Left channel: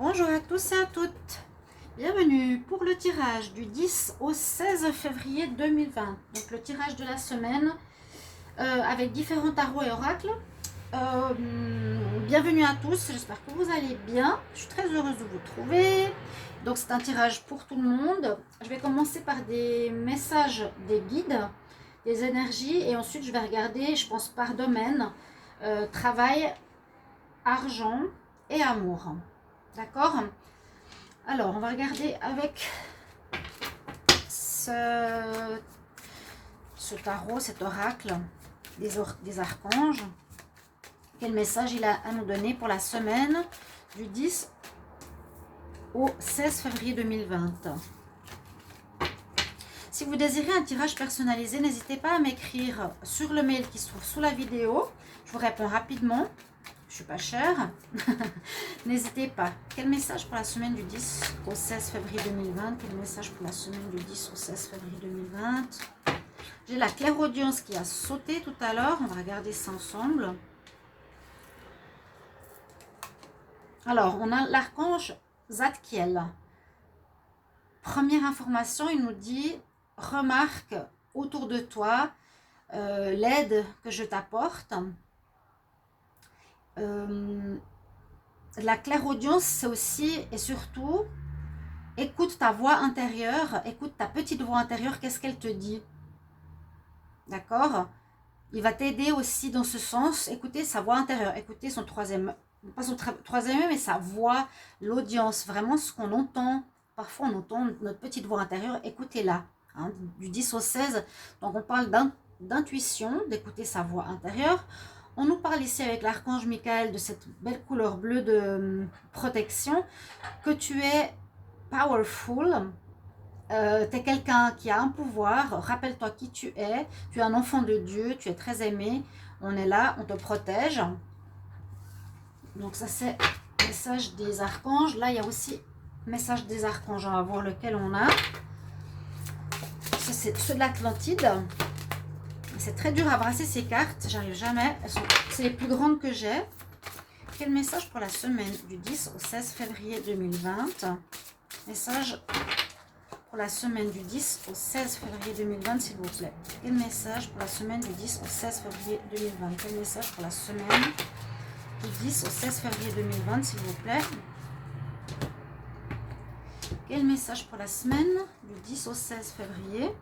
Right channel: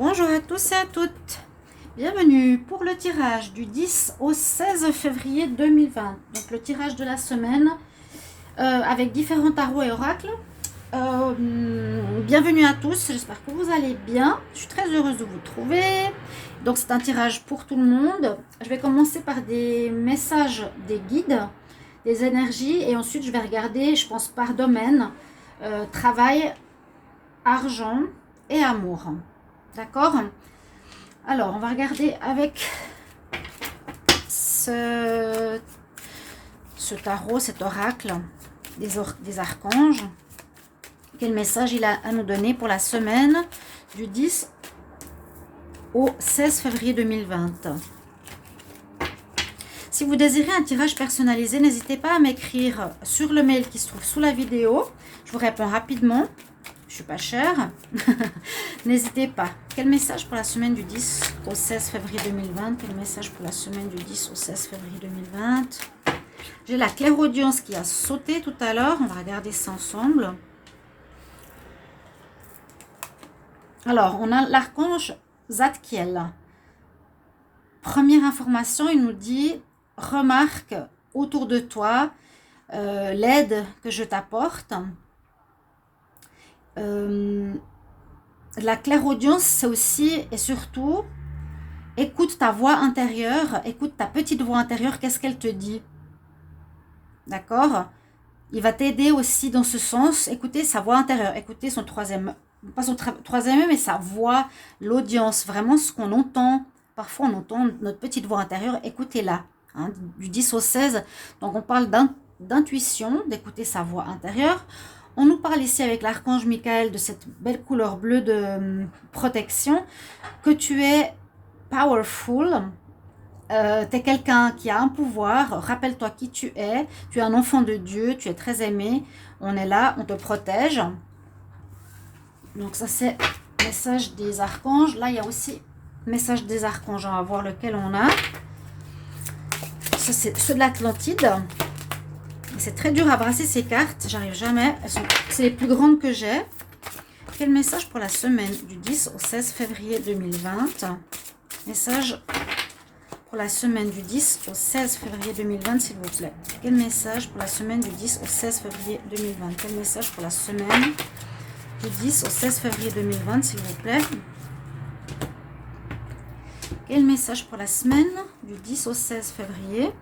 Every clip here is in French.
Bonjour à tous et à toutes. Bienvenue pour le tirage du 10 au 16 février 2020. Donc le tirage de la semaine avec différents tarots et oracles. Bienvenue à tous, j'espère que vous allez bien. Je suis très heureuse de vous trouver. Donc c'est un tirage pour tout le monde. Je vais commencer par des messages des guides, des énergies, et ensuite je vais regarder, je pense, par domaine, travail, argent et amour. D'accord? Alors, on va regarder avec ce tarot, cet oracle des archanges. Quel message il a à nous donner pour la semaine du 10 au 16 février 2020. Si vous désirez un tirage personnalisé, n'hésitez pas à m'écrire sur le mail qui se trouve sous la vidéo. Je vous réponds rapidement. Je suis pas chère. N'hésitez pas. Quel message pour la semaine du 10 au 16 février 2020? Quel message pour la semaine du 10 au 16 février 2020? J'ai la clairaudience qui a sauté tout à l'heure. On va regarder ça ensemble. Alors, on a l'archange Zadkiel. Première information, il nous dit « Remarque autour de toi l'aide que je t'apporte ». La clairaudience, c'est aussi et surtout, écoute ta voix intérieure, écoute ta petite voix intérieure, qu'est-ce qu'elle te dit. D'accord? Il va t'aider aussi dans ce sens, écoutez sa voix intérieure, écoutez son troisième, pas son troisième, mais sa voix, l'audience, vraiment ce qu'on entend. Parfois on entend notre petite voix intérieure, écoutez-la, hein, du 10 au 16. Donc on parle d'intuition, d'écouter sa voix intérieure. On nous parle ici avec l'archange Michael de cette belle couleur bleue de protection, que tu es powerful, tu es quelqu'un qui a un pouvoir, rappelle-toi qui tu es un enfant de Dieu, tu es très aimé, on est là, on te protège. Donc ça c'est le message des archanges. Là il y a aussi le message des archanges, on va voir lequel on a. Ça c'est ceux de l'Atlantide. C'est très dur à brasser ces cartes, j'arrive jamais. C'est les plus grandes que j'ai. Quel message pour la semaine du 10 au 16 février 2020? Message pour la semaine du 10 au 16 février 2020, s'il vous plaît. Quel message pour la semaine du 10 au 16 février 2020? Quel message pour la semaine du 10 au 16 février 2020, s'il vous plaît? Quel message pour la semaine du 10 au 16 février?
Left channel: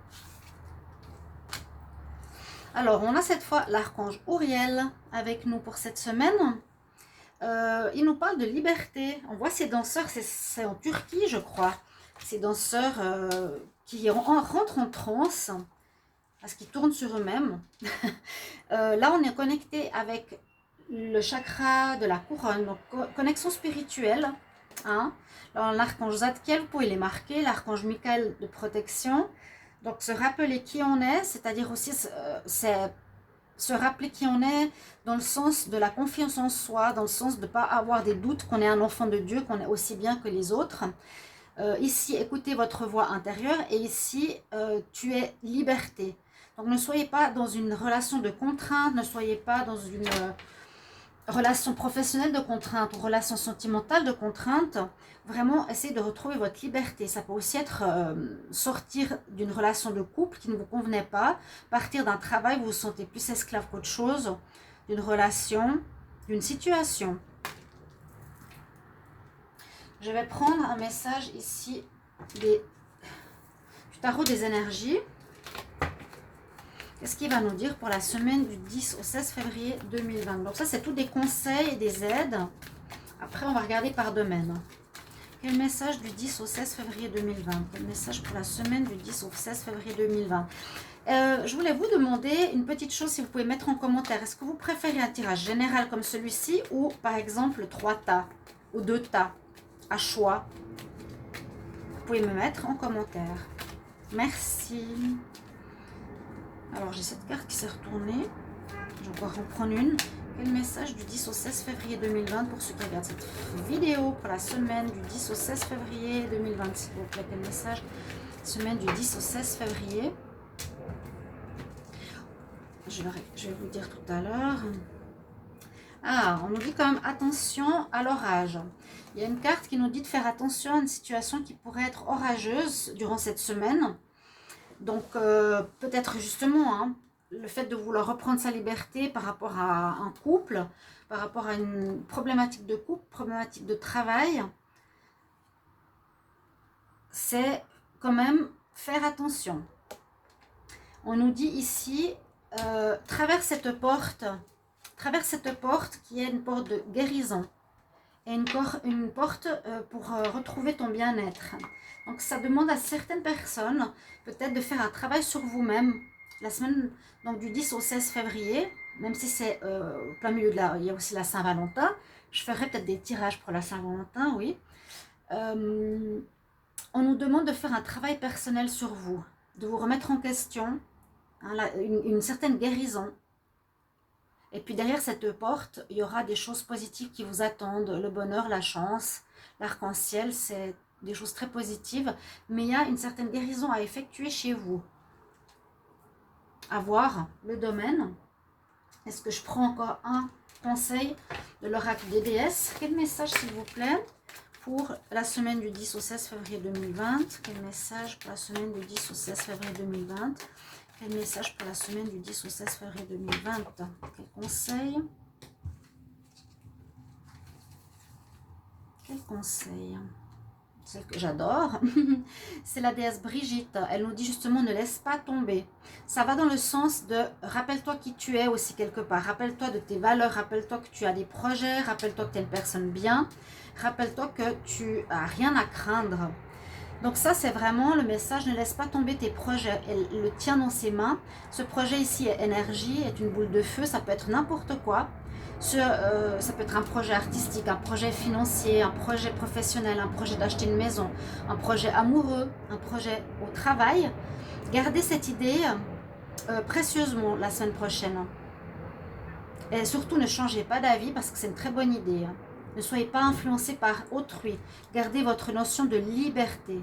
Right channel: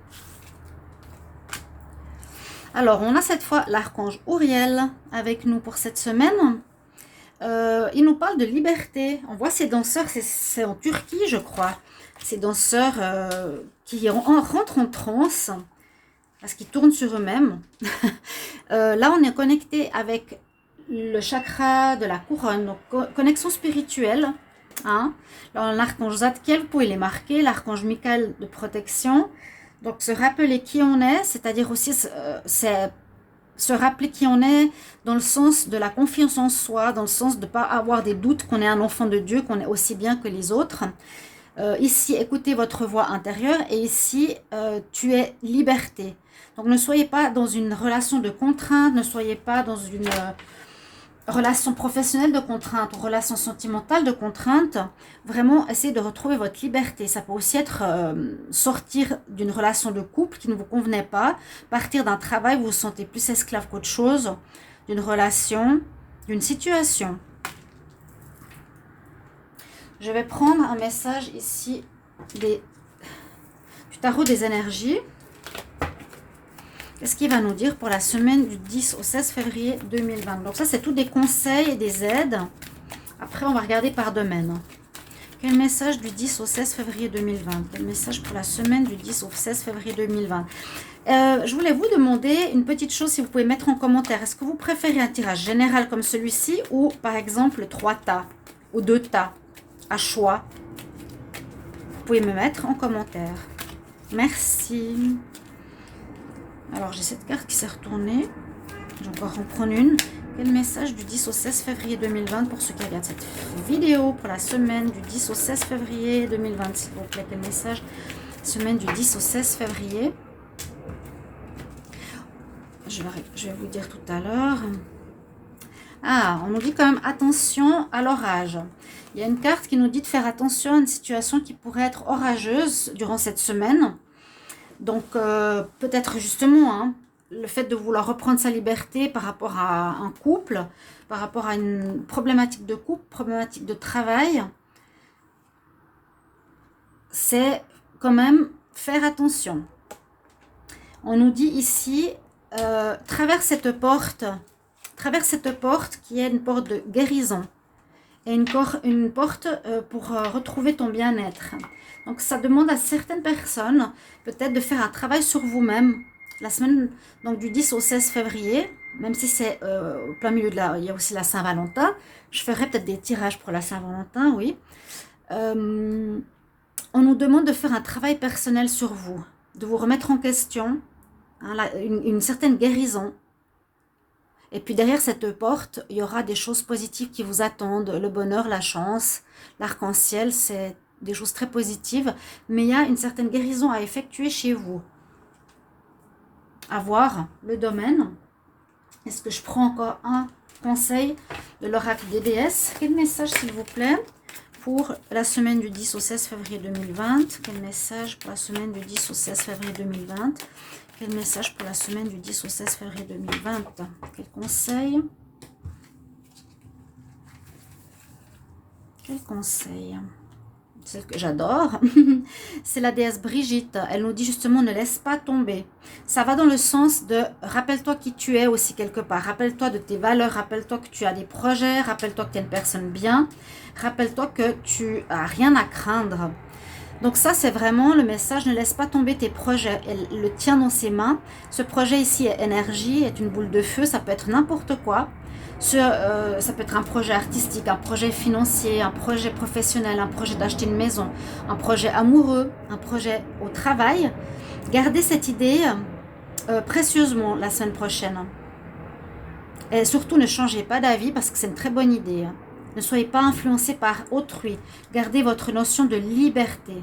Alors, on a cette fois l'archange Uriel avec nous pour cette semaine. Il nous parle de liberté. On voit ces danseurs, c'est en Turquie, je crois. Ces danseurs qui rentrent en transe parce qu'ils tournent sur eux-mêmes. Là, on est connecté avec le chakra de la couronne, donc connexion spirituelle. Hein. Là, on a l'archange Zadkiel, vous pouvez les marquer, l'archange Michael de protection. Donc, se rappeler qui on est, c'est-à-dire aussi se rappeler qui on est dans le sens de la confiance en soi, dans le sens de ne pas avoir des doutes qu'on est un enfant de Dieu, qu'on est aussi bien que les autres. Ici, écoutez votre voix intérieure et ici, tu es liberté. Donc, ne soyez pas dans une relation de contrainte, ne soyez pas dans une relation professionnelle de contrainte ou relation sentimentale de contrainte. Vraiment, essayez de retrouver votre liberté. Ça peut aussi être sortir d'une relation de couple qui ne vous convenait pas, partir d'un travail où vous vous sentez plus esclave qu'autre chose, d'une relation, d'une situation. Je vais prendre un message ici du tarot des énergies. Qu'est-ce qu'il va nous dire pour la semaine du 10 au 16 février 2020? Donc ça, c'est tous des conseils et des aides. Après, on va regarder par domaine. Quel message du 10 au 16 février 2020? Quel message pour la semaine du 10 au 16 février 2020? Je voulais vous demander une petite chose, si vous pouvez mettre en commentaire. Est-ce que vous préférez un tirage général comme celui-ci ou par exemple 3 tas ou 2 tas à choix? Vous pouvez me mettre en commentaire. Merci. Alors, j'ai cette carte qui s'est retournée. Je vais encore en prendre une. Quel message du 10 au 16 février 2020 pour ceux qui regardent cette vidéo pour la semaine du 10 au 16 février 2020, s'il vous plaît. Quel message? Semaine du 10 au 16 février. Je vais vous dire tout à l'heure. Ah, on nous dit quand même attention à l'orage. Il y a une carte qui nous dit de faire attention à une situation qui pourrait être orageuse durant cette semaine. Donc, peut-être justement, hein, le fait de vouloir reprendre sa liberté par rapport à un couple, par rapport à une problématique de couple, problématique de travail, c'est quand même faire attention. On nous dit ici, traverse cette porte qui est une porte de guérison et une porte pour retrouver ton bien-être. Donc ça demande à certaines personnes peut-être de faire un travail sur vous-même. La semaine donc du 10 au 16 février, même si c'est au plein milieu il y a aussi la Saint-Valentin. Je ferai peut-être des tirages pour la Saint-Valentin, oui. On nous demande de faire un travail personnel sur vous, de vous remettre en question, hein, une certaine guérison. Et puis derrière cette porte, il y aura des choses positives qui vous attendent, le bonheur, la chance, l'arc-en-ciel, c'est des choses très positives, mais il y a une certaine guérison à effectuer chez vous. À voir le domaine. Est-ce que je prends encore un conseil de l'oracle des déesses? Quel message s'il vous plaît pour la semaine du 10 au 16 février 2020? Quel message pour la semaine du 10 au 16 février 2020? Quel message pour la semaine du 10 au 16 février 2020? Quel conseil? Quel conseil? Celle que j'adore, c'est la déesse Brigitte. Elle nous dit justement, ne laisse pas tomber. Ça va dans le sens de, rappelle-toi qui tu es aussi quelque part. Rappelle-toi de tes valeurs, rappelle-toi que tu as des projets, rappelle-toi que tu es une personne bien. Rappelle-toi que tu n'as rien à craindre. Donc ça, c'est vraiment le message, ne laisse pas tomber tes projets. Elle le tient dans ses mains. Ce projet ici est énergie, est une boule de feu, ça peut être n'importe quoi. Ça peut être un projet artistique, un projet financier, un projet professionnel, un projet d'acheter une maison, un projet amoureux, un projet au travail. Gardez cette idée précieusement la semaine prochaine. Et surtout, ne changez pas d'avis parce que c'est une très bonne idée. Ne soyez pas influencé par autrui. Gardez votre notion de liberté.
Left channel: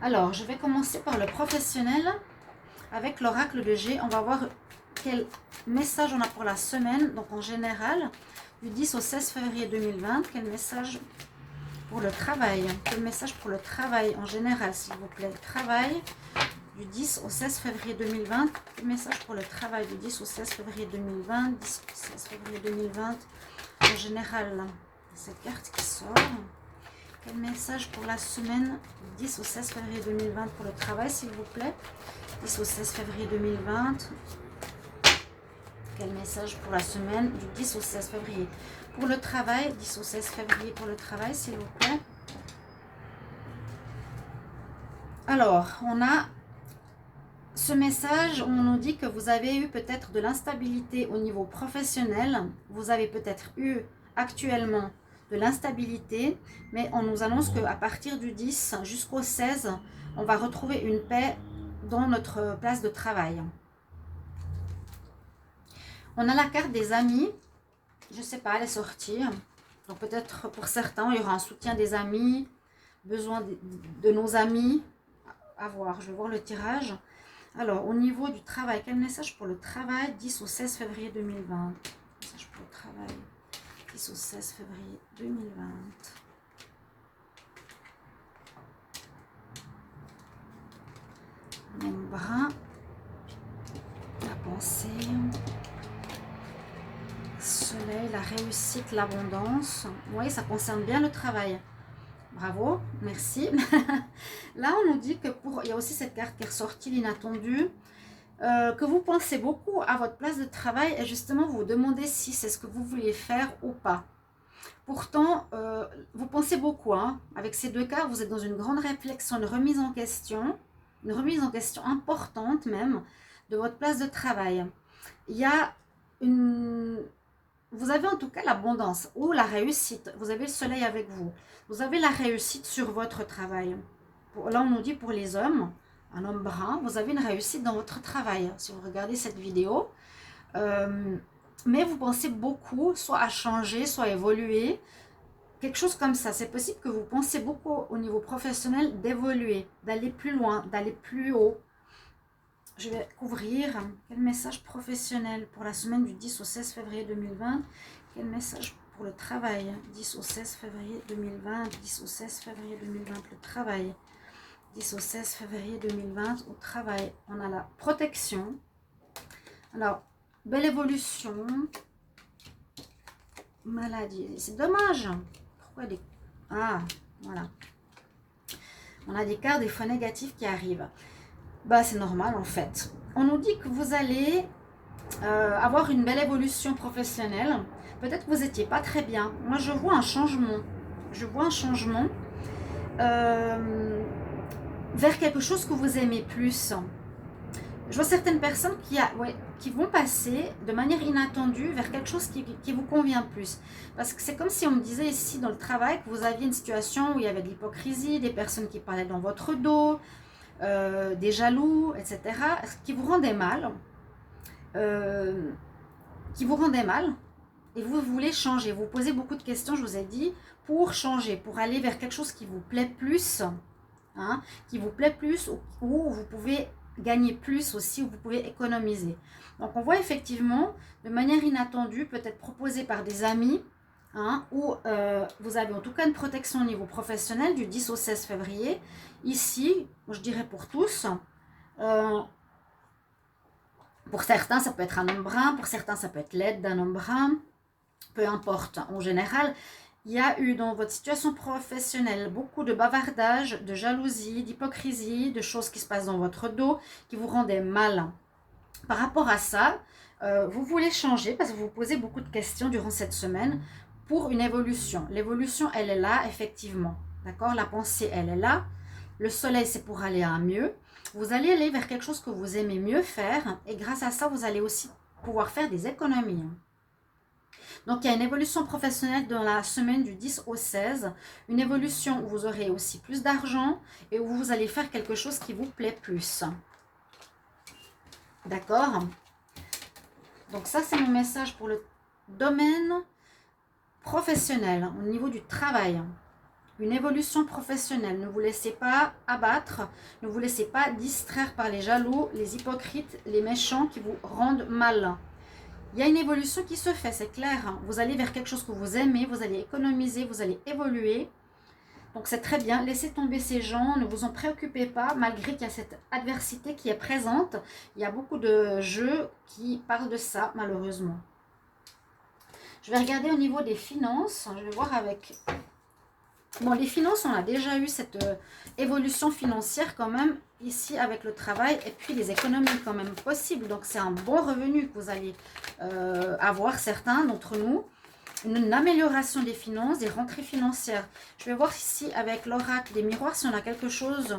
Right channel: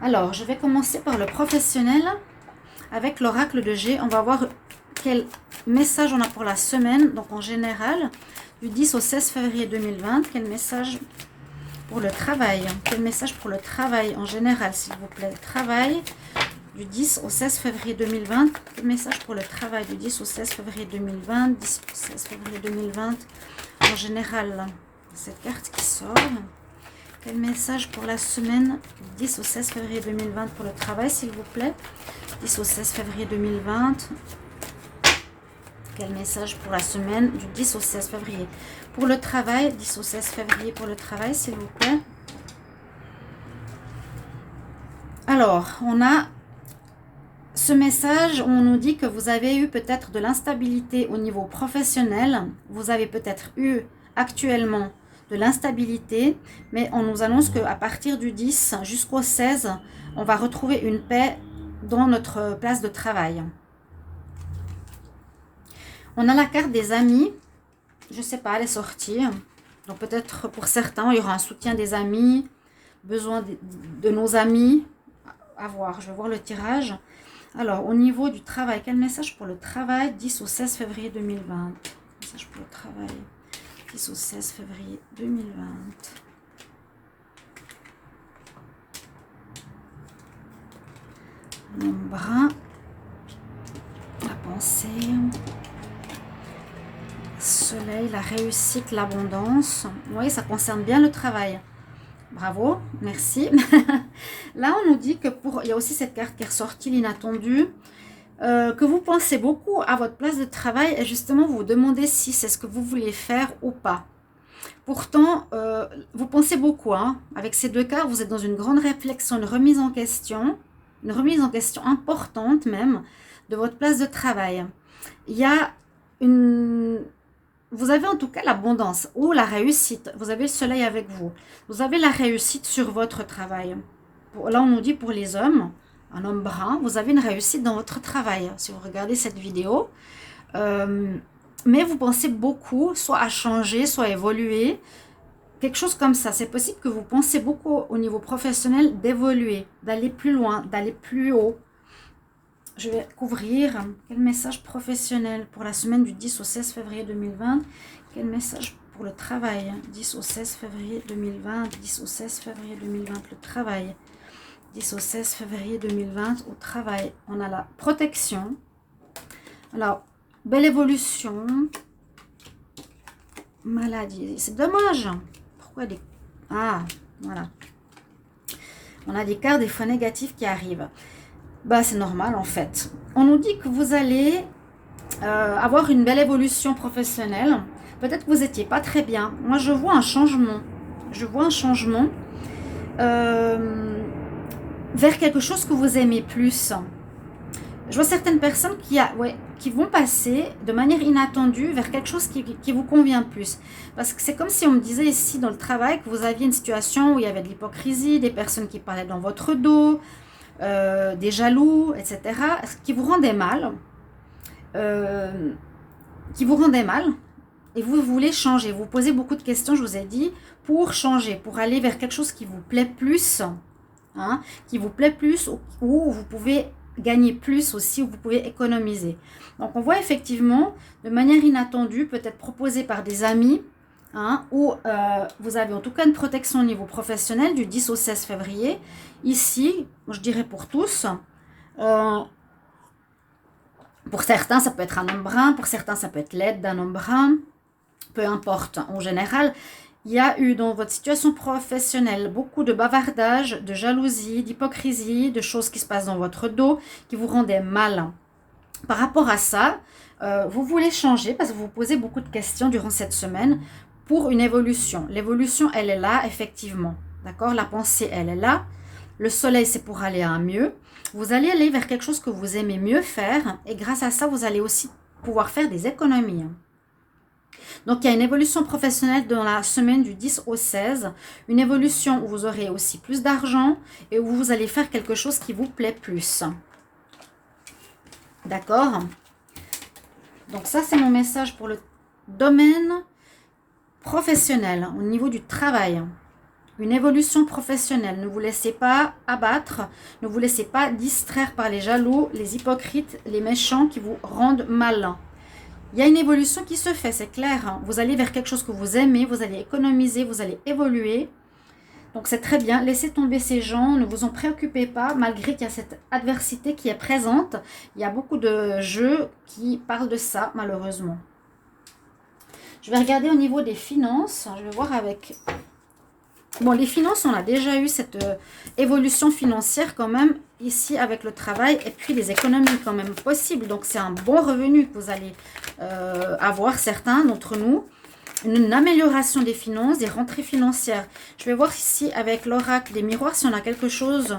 Alors, je vais commencer par le professionnel. Avec l'oracle de G, on va voir quel message on a pour la semaine. Donc en général, du 10 au 16 février 2020, quel message pour le travail? Quel message pour le travail en général, s'il vous plaît? Travail du 10 au 16 février 2020. Quel message pour le travail du 10 au 16 février 2020? 10 au 16 février 2020. En général, cette carte qui sort. Quel message pour la semaine du 10 au 16 février 2020 pour le travail, s'il vous plaît? 10 au 16 février 2020. Quel message pour la semaine du 10 au 16 février pour le travail? 10 au 16 février pour le travail, s'il vous plaît. Alors, on a ce message où on nous dit que vous avez eu peut-être de l'instabilité au niveau professionnel. Vous avez peut-être eu actuellement de l'instabilité, mais on nous annonce qu'à partir du 10 jusqu'au 16, on va retrouver une paix dans notre place de travail. On a la carte des amis. Je ne sais pas, elle est sortie. Donc peut-être pour certains, il y aura un soutien des amis, besoin de nos amis. À voir, je vais voir le tirage. Alors, au niveau du travail, quel message pour le travail 10 au 16 février 2020? Message pour le travail 10 au 16 février 2020. L'ombre, la pensée, soleil, la réussite, l'abondance. Oui, ça concerne bien le travail. Bravo, merci. Là, on nous dit que il y a aussi cette carte qui est ressortie, l'inattendu, que vous pensez beaucoup à votre place de travail et justement vous vous demandez si c'est ce que vous voulez faire ou pas. Pourtant, vous pensez beaucoup. Hein. Avec ces deux cartes, vous êtes dans une grande réflexion, une remise en question importante même de votre place de travail. Il y a vous avez en tout cas l'abondance ou la réussite. Vous avez le soleil avec vous. Vous avez la réussite sur votre travail. Là, on nous dit pour les hommes, un homme brun, vous avez une réussite dans votre travail. Si vous regardez cette vidéo. Mais vous pensez beaucoup, soit à changer, soit à évoluer. Quelque chose comme ça. C'est possible que vous pensez beaucoup au niveau professionnel d'évoluer, d'aller plus loin, d'aller plus haut. Je vais couvrir. Quel message professionnel pour la semaine du 10 au 16 février 2020? Quel message pour le travail? 10 au 16 février 2020, 10 au 16 février 2020, le travail. 10 au 16 février 2020, au travail. On a la protection. Alors, belle évolution. Maladie. C'est dommage. Pourquoi des... Ah, voilà. On a des cartes des fois négatives qui arrivent. Bah, c'est normal en fait. On nous dit que vous allez avoir une belle évolution professionnelle. Peut-être que vous n'étiez pas très bien. Moi, je vois un changement. Je vois un changement vers quelque chose que vous aimez plus. Je vois certaines personnes qui vont passer de manière inattendue vers quelque chose qui vous convient plus. Parce que c'est comme si on me disait ici dans le travail que vous aviez une situation où il y avait de l'hypocrisie, des personnes qui parlaient dans votre dos, des jaloux, etc., qui vous rendaient mal. Et vous voulez changer. Vous posez beaucoup de questions, je vous ai dit, pour changer, pour aller vers quelque chose qui vous plaît plus, hein, qui vous plaît plus, où vous pouvez gagner plus aussi, où vous pouvez économiser. Donc on voit effectivement, de manière inattendue, peut-être proposée par des amis, hein, où vous avez en tout cas une protection au niveau professionnel du 10 au 16 février. Ici, je dirais pour tous, pour certains ça peut être un homme brun, pour certains ça peut être l'aide d'un homme brun, peu importe. En général, il y a eu dans votre situation professionnelle beaucoup de bavardage, de jalousie, d'hypocrisie, de choses qui se passent dans votre dos, qui vous rendaient mal. Par rapport à ça, vous voulez changer parce que vous vous posez beaucoup de questions durant cette semaine pour une évolution. L'évolution, elle est là, effectivement. D'accord? La pensée, elle est là. Le soleil, c'est pour aller à un mieux. Vous allez aller vers quelque chose que vous aimez mieux faire et grâce à ça, vous allez aussi pouvoir faire des économies. Donc, il y a une évolution professionnelle dans la semaine du 10 au 16. Une évolution où vous aurez aussi plus d'argent et où vous allez faire quelque chose qui vous plaît plus. D'accord? Donc, ça, c'est mon message pour le domaine professionnel, au niveau du travail. Une évolution professionnelle. Ne vous laissez pas abattre. Ne vous laissez pas distraire par les jaloux, les hypocrites, les méchants qui vous rendent mal. Il y a une évolution qui se fait, c'est clair. Vous allez vers quelque chose que vous aimez, vous allez économiser, vous allez évoluer. Donc c'est très bien, laissez tomber ces gens, ne vous en préoccupez pas, malgré qu'il y a cette adversité qui est présente. Il y a beaucoup de jeux qui parlent de ça, malheureusement. Je vais regarder au niveau des finances, je vais voir avec... Bon, les finances, on a déjà eu cette évolution financière quand même, ici avec le travail, et puis les économies quand même possibles. Donc, c'est un bon revenu que vous allez avoir, certains d'entre nous. Une amélioration des finances, des rentrées financières. Je vais voir ici avec l'oracle des miroirs si on a quelque chose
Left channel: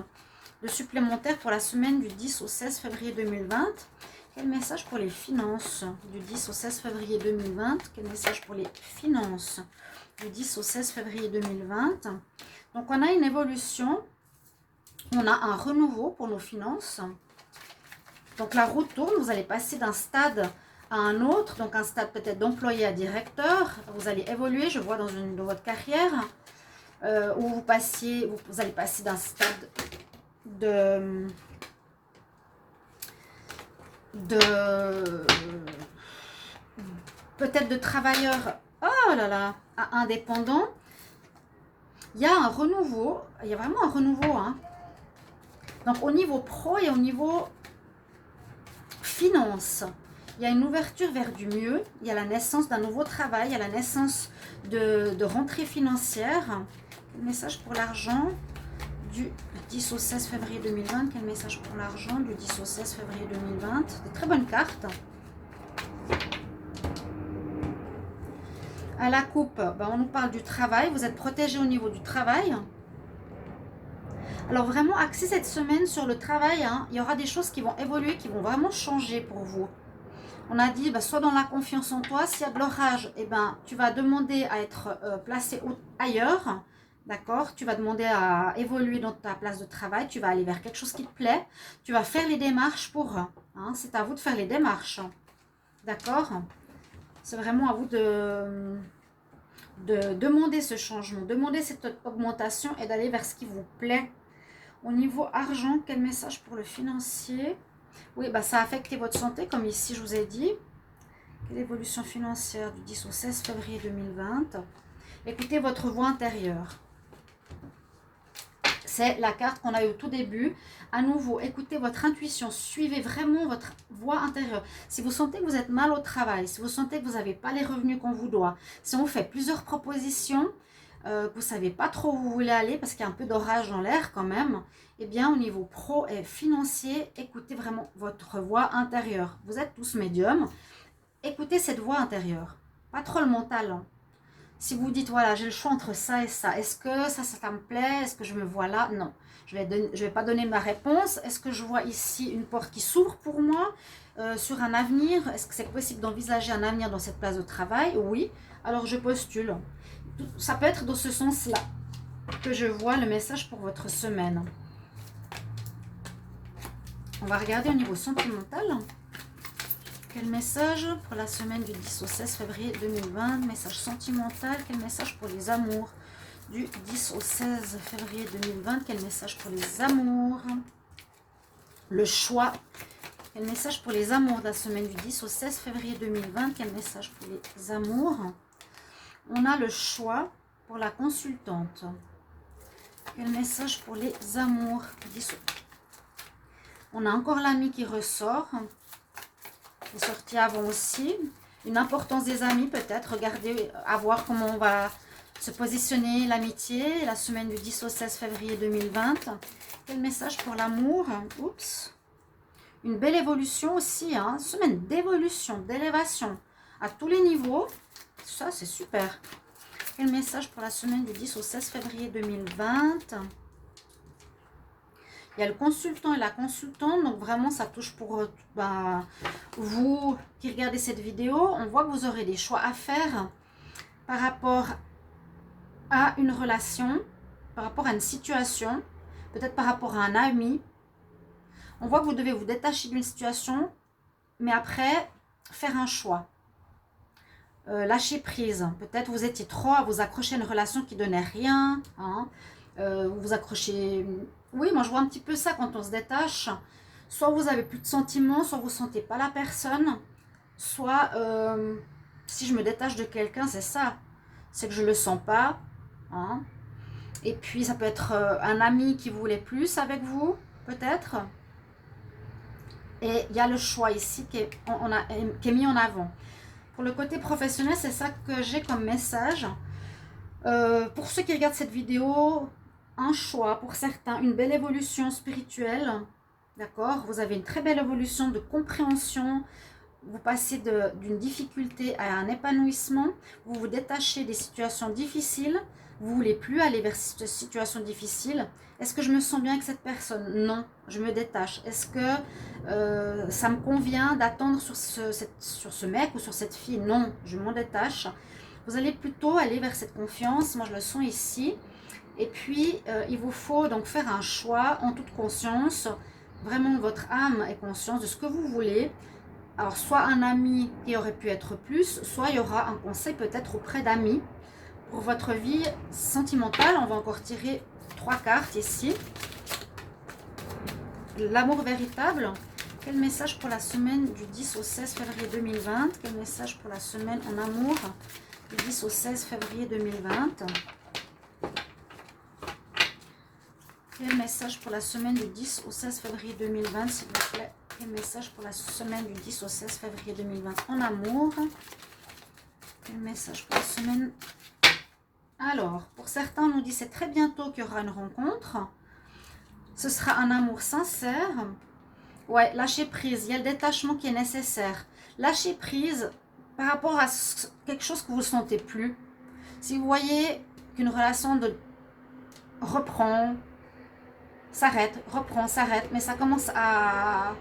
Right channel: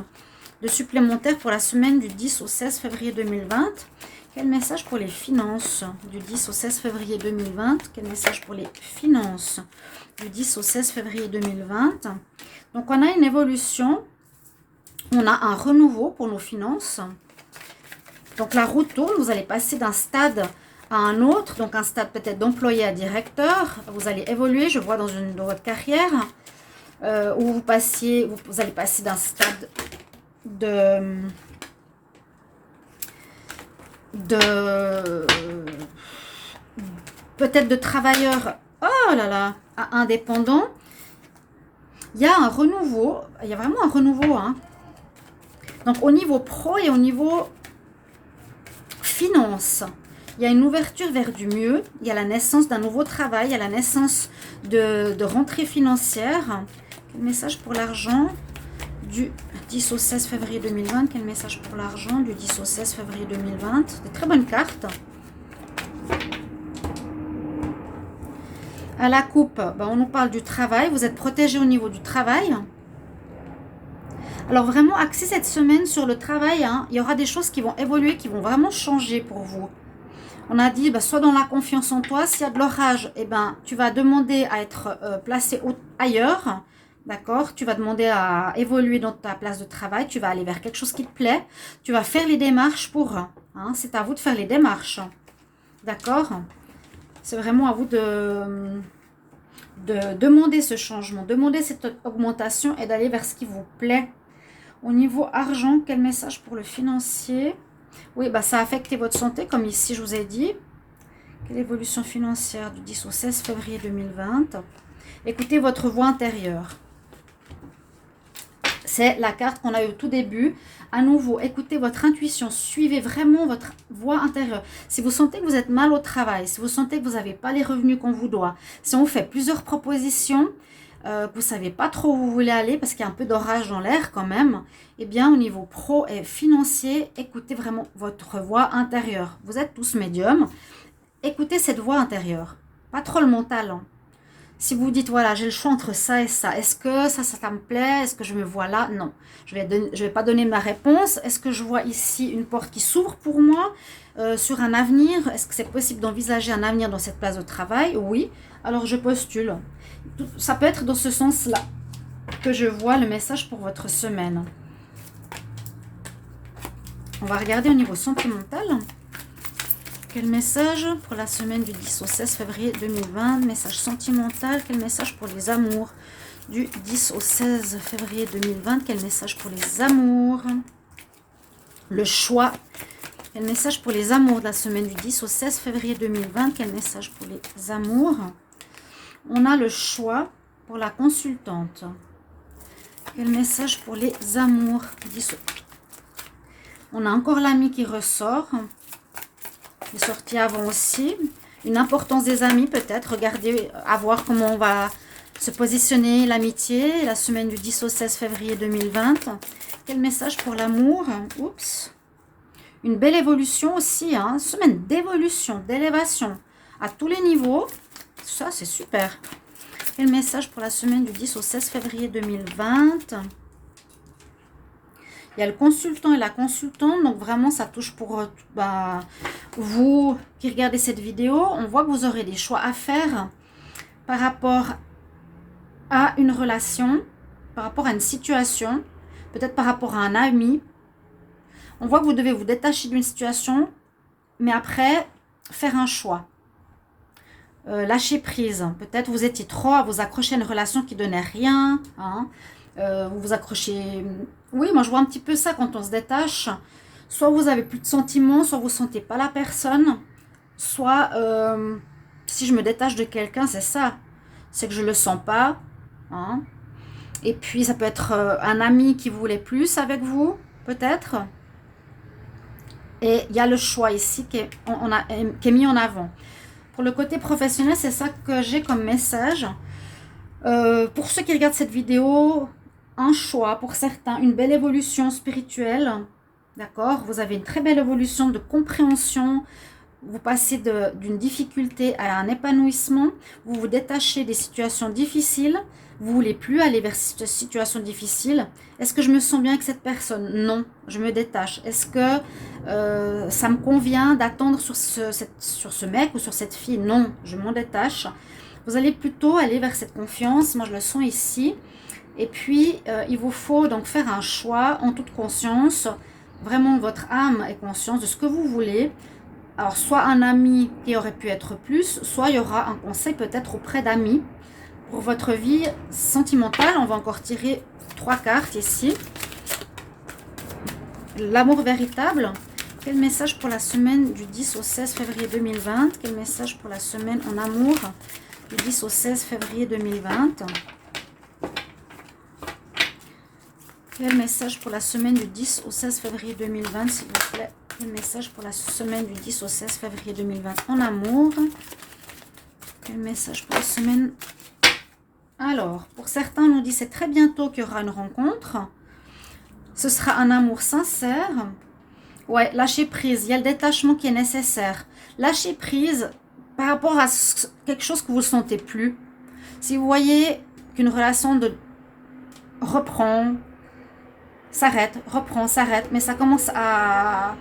de supplémentaire pour la semaine du 10 au 16 février 2020. Quel message pour les finances du 10 au 16 février 2020? Quel message pour les finances du 10 au 16 février 2020? Donc, on a une évolution. On a un renouveau pour nos finances. Donc, la roue tourne. Vous allez passer d'un stade à un autre. Donc, un stade peut-être d'employé à directeur. Vous allez évoluer, je vois, dans votre carrière. Où vous allez passer d'un stade peut-être de travailleur, oh là là, à indépendant. Il y a un renouveau, il y a vraiment un renouveau, hein. Donc au niveau pro et au niveau finance, il y a une ouverture vers du mieux, il y a la naissance d'un nouveau travail, il y a la naissance de rentrée financière. Quel message pour l'argent du 10 au 16 février 2020? Quel message pour l'argent du 10 au 16 février 2020? Des très bonnes cartes. À la coupe, on nous parle du travail. Vous êtes protégé au niveau du travail. Alors vraiment, axez cette semaine sur le travail. Hein. Il y aura des choses qui vont évoluer, qui vont vraiment changer pour vous. On a dit, soit dans la confiance en toi. S'il y a de l'orage, tu vas demander à être placé ailleurs. D'accord? Tu vas demander à évoluer dans ta place de travail. Tu vas aller vers quelque chose qui te plaît. Tu vas faire les démarches pour. Hein, c'est à vous de faire les démarches. D'accord? C'est vraiment à vous de demander ce changement, demander cette augmentation et d'aller vers ce qui vous plaît. Au niveau argent, quel message pour le financier? Oui, bah, ça a affecté votre santé, comme ici je vous ai dit. Quelle évolution financière du 10 au 16 février 2020? Écoutez votre voix intérieure. C'est la carte qu'on a eu au tout début. À nouveau, écoutez votre intuition. Suivez vraiment votre voix intérieure. Si vous sentez que vous êtes mal au travail, si vous sentez que vous n'avez pas les revenus qu'on vous doit, si on vous fait plusieurs propositions, que vous ne savez pas trop où vous voulez aller parce qu'il y a un peu d'orage dans l'air quand même, eh bien au niveau pro et financier, écoutez vraiment votre voix intérieure. Vous êtes tous médiums. Écoutez cette voix intérieure. Pas trop le mental, hein. Si vous dites, voilà, j'ai le choix entre ça et ça, est-ce que ça me plaît? Est-ce que je me vois là? Non. Je vais pas donner ma réponse. Est-ce que je vois ici une porte qui s'ouvre pour moi sur un avenir? Est-ce que c'est possible d'envisager un avenir dans cette place de travail? Oui. Alors, je postule. Ça peut être dans ce sens-là que je vois le message pour votre semaine. On va regarder au niveau sentimental. Quel message pour la semaine du 10 au 16 février 2020? Message sentimental. Quel message pour les amours du 10 au 16 février 2020? Quel message pour les amours? Le choix. Quel message pour les amours de la semaine du 10 au 16 février 2020? Quel message pour les amours? On a le choix pour la consultante. Quel message pour les amours? On a encore l'ami qui ressort. Il est sorti avant aussi. Une importance des amis peut-être. Regardez, à voir comment on va se positionner l'amitié. La semaine du 10 au 16 février 2020. Quel message pour l'amour? Oups. Une belle évolution aussi. Hein. Semaine d'évolution, d'élévation à tous les niveaux. Ça, c'est super. Quel message pour la semaine du 10 au 16 février 2020? Il y a le consultant et la consultante, donc vraiment ça touche pour vous qui regardez cette vidéo. On voit que vous aurez des choix à faire par rapport à une relation, par rapport à une situation, peut-être par rapport à un ami. On voit que vous devez vous détacher d'une situation, mais après faire un choix. Lâcher prise. Peut-être vous étiez trop à vous accrocher à une relation qui ne donnait rien. Hein. Vous vous accrochez... Oui, moi je vois un petit peu ça quand on se détache. Soit vous avez plus de sentiments, soit vous ne sentez pas la personne. Soit, si je me détache de quelqu'un, c'est ça. C'est que je ne le sens pas. Hein. Et puis ça peut être un ami qui voulait plus avec vous, peut-être. Et il y a le choix ici qui est mis en avant. Pour le côté professionnel, c'est ça que j'ai comme message. Pour ceux qui regardent cette vidéo, un choix pour certains, une belle évolution spirituelle. D'accord? Vous avez une très belle évolution de compréhension. Vous passez d'une difficulté à un épanouissement. Vous vous détachez des situations difficiles. Vous ne voulez plus aller vers cette situation difficile. Est-ce que je me sens bien avec cette personne? Non, je me détache. Est-ce que ça me convient d'attendre sur ce mec ou sur cette fille? Non, je m'en détache. Vous allez plutôt aller vers cette confiance. Moi, je le sens ici. Et puis, il vous faut donc faire un choix en toute conscience. Vraiment, votre âme est consciente de ce que vous voulez. Alors, soit un ami qui aurait pu être plus, soit il y aura un conseil peut-être auprès d'amis. Pour votre vie sentimentale, on va encore tirer 3 cartes ici. L'amour véritable. Quel message pour la semaine du 10 au 16 février 2020? Quel message pour la semaine en amour du 10 au 16 février 2020? Quel message pour la semaine du 10 au 16 février 2020, s'il vous plaît? Quel message pour la semaine du 10 au 16 février 2020 en amour? Quel message pour la semaine? Alors, pour certains, on nous dit c'est très bientôt qu'il y aura une rencontre. Ce sera un amour sincère. Ouais, lâcher prise. Il y a le détachement qui est nécessaire. Lâcher prise par rapport à quelque chose que vous ne sentez plus. Si vous voyez qu'une relation reprend, s'arrête, reprend, s'arrête, mais ça commence à,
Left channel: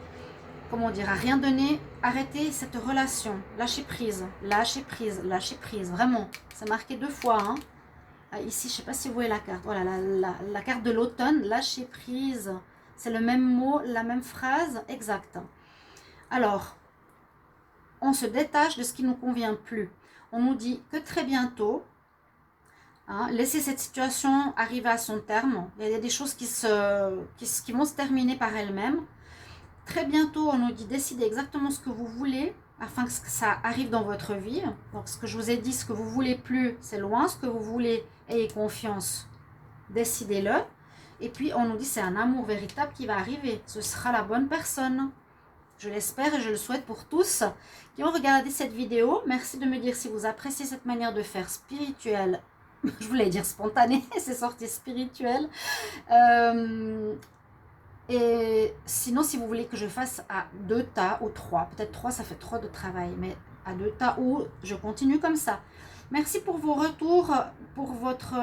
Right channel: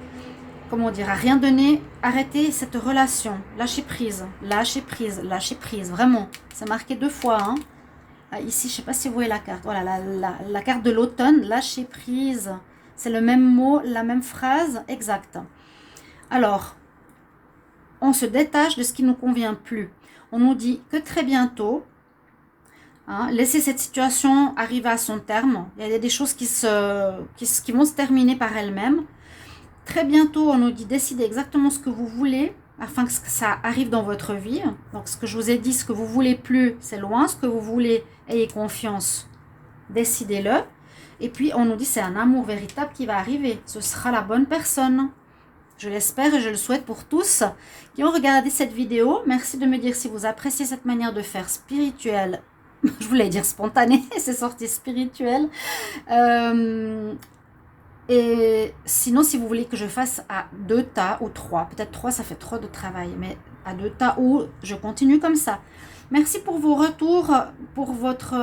comment dire, à rien donner, arrêtez cette relation. Lâcher prise, lâcher prise, lâcher prise. Vraiment, c'est marqué 2 fois, hein. Ici, je ne sais pas si vous voyez la carte. Voilà, la carte de l'automne, lâcher prise. C'est le même mot, la même phrase, exact. Alors, on se détache de ce qui ne nous convient plus. On nous dit que très bientôt, hein, laissez cette situation arriver à son terme. Il y a des choses qui vont se terminer par elles-mêmes. Très bientôt, on nous dit décidez exactement ce que vous voulez afin que ça arrive dans votre vie. Donc ce que je vous ai dit, ce que vous voulez plus, c'est loin. Ce que vous voulez, ayez confiance, décidez-le. Et puis on nous dit c'est un amour véritable qui va arriver. Ce sera la bonne personne. Je l'espère et je le souhaite pour tous qui ont regardé cette vidéo. Merci de me dire si vous appréciez cette manière de faire spirituelle. Je voulais dire spontanée, c'est sorti spirituel. Et sinon, si vous voulez que je fasse à 2 tas ou 3, peut-être 3 ça fait trop de travail, mais à 2 tas ou je continue comme ça. Merci pour vos retours, pour votre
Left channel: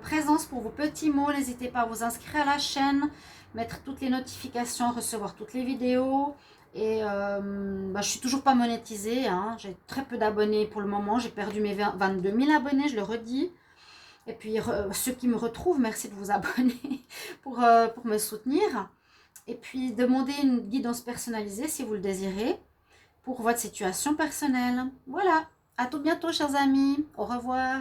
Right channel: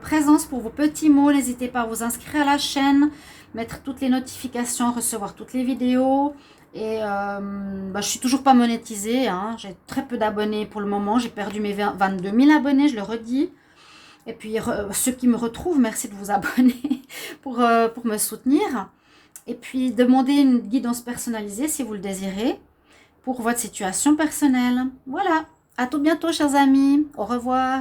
présence, pour vos petits mots. N'hésitez pas à vous inscrire à la chaîne, mettre toutes les notifications, recevoir toutes les vidéos. Et je suis toujours pas monétisée, hein. J'ai très peu d'abonnés pour le moment. J'ai perdu mes 22 000 abonnés, je le redis. Et puis ceux qui me retrouvent, merci de vous abonner pour me soutenir. Et puis demandez une guidance personnalisée si vous le désirez pour votre situation personnelle. Voilà, à tout bientôt chers amis, au revoir.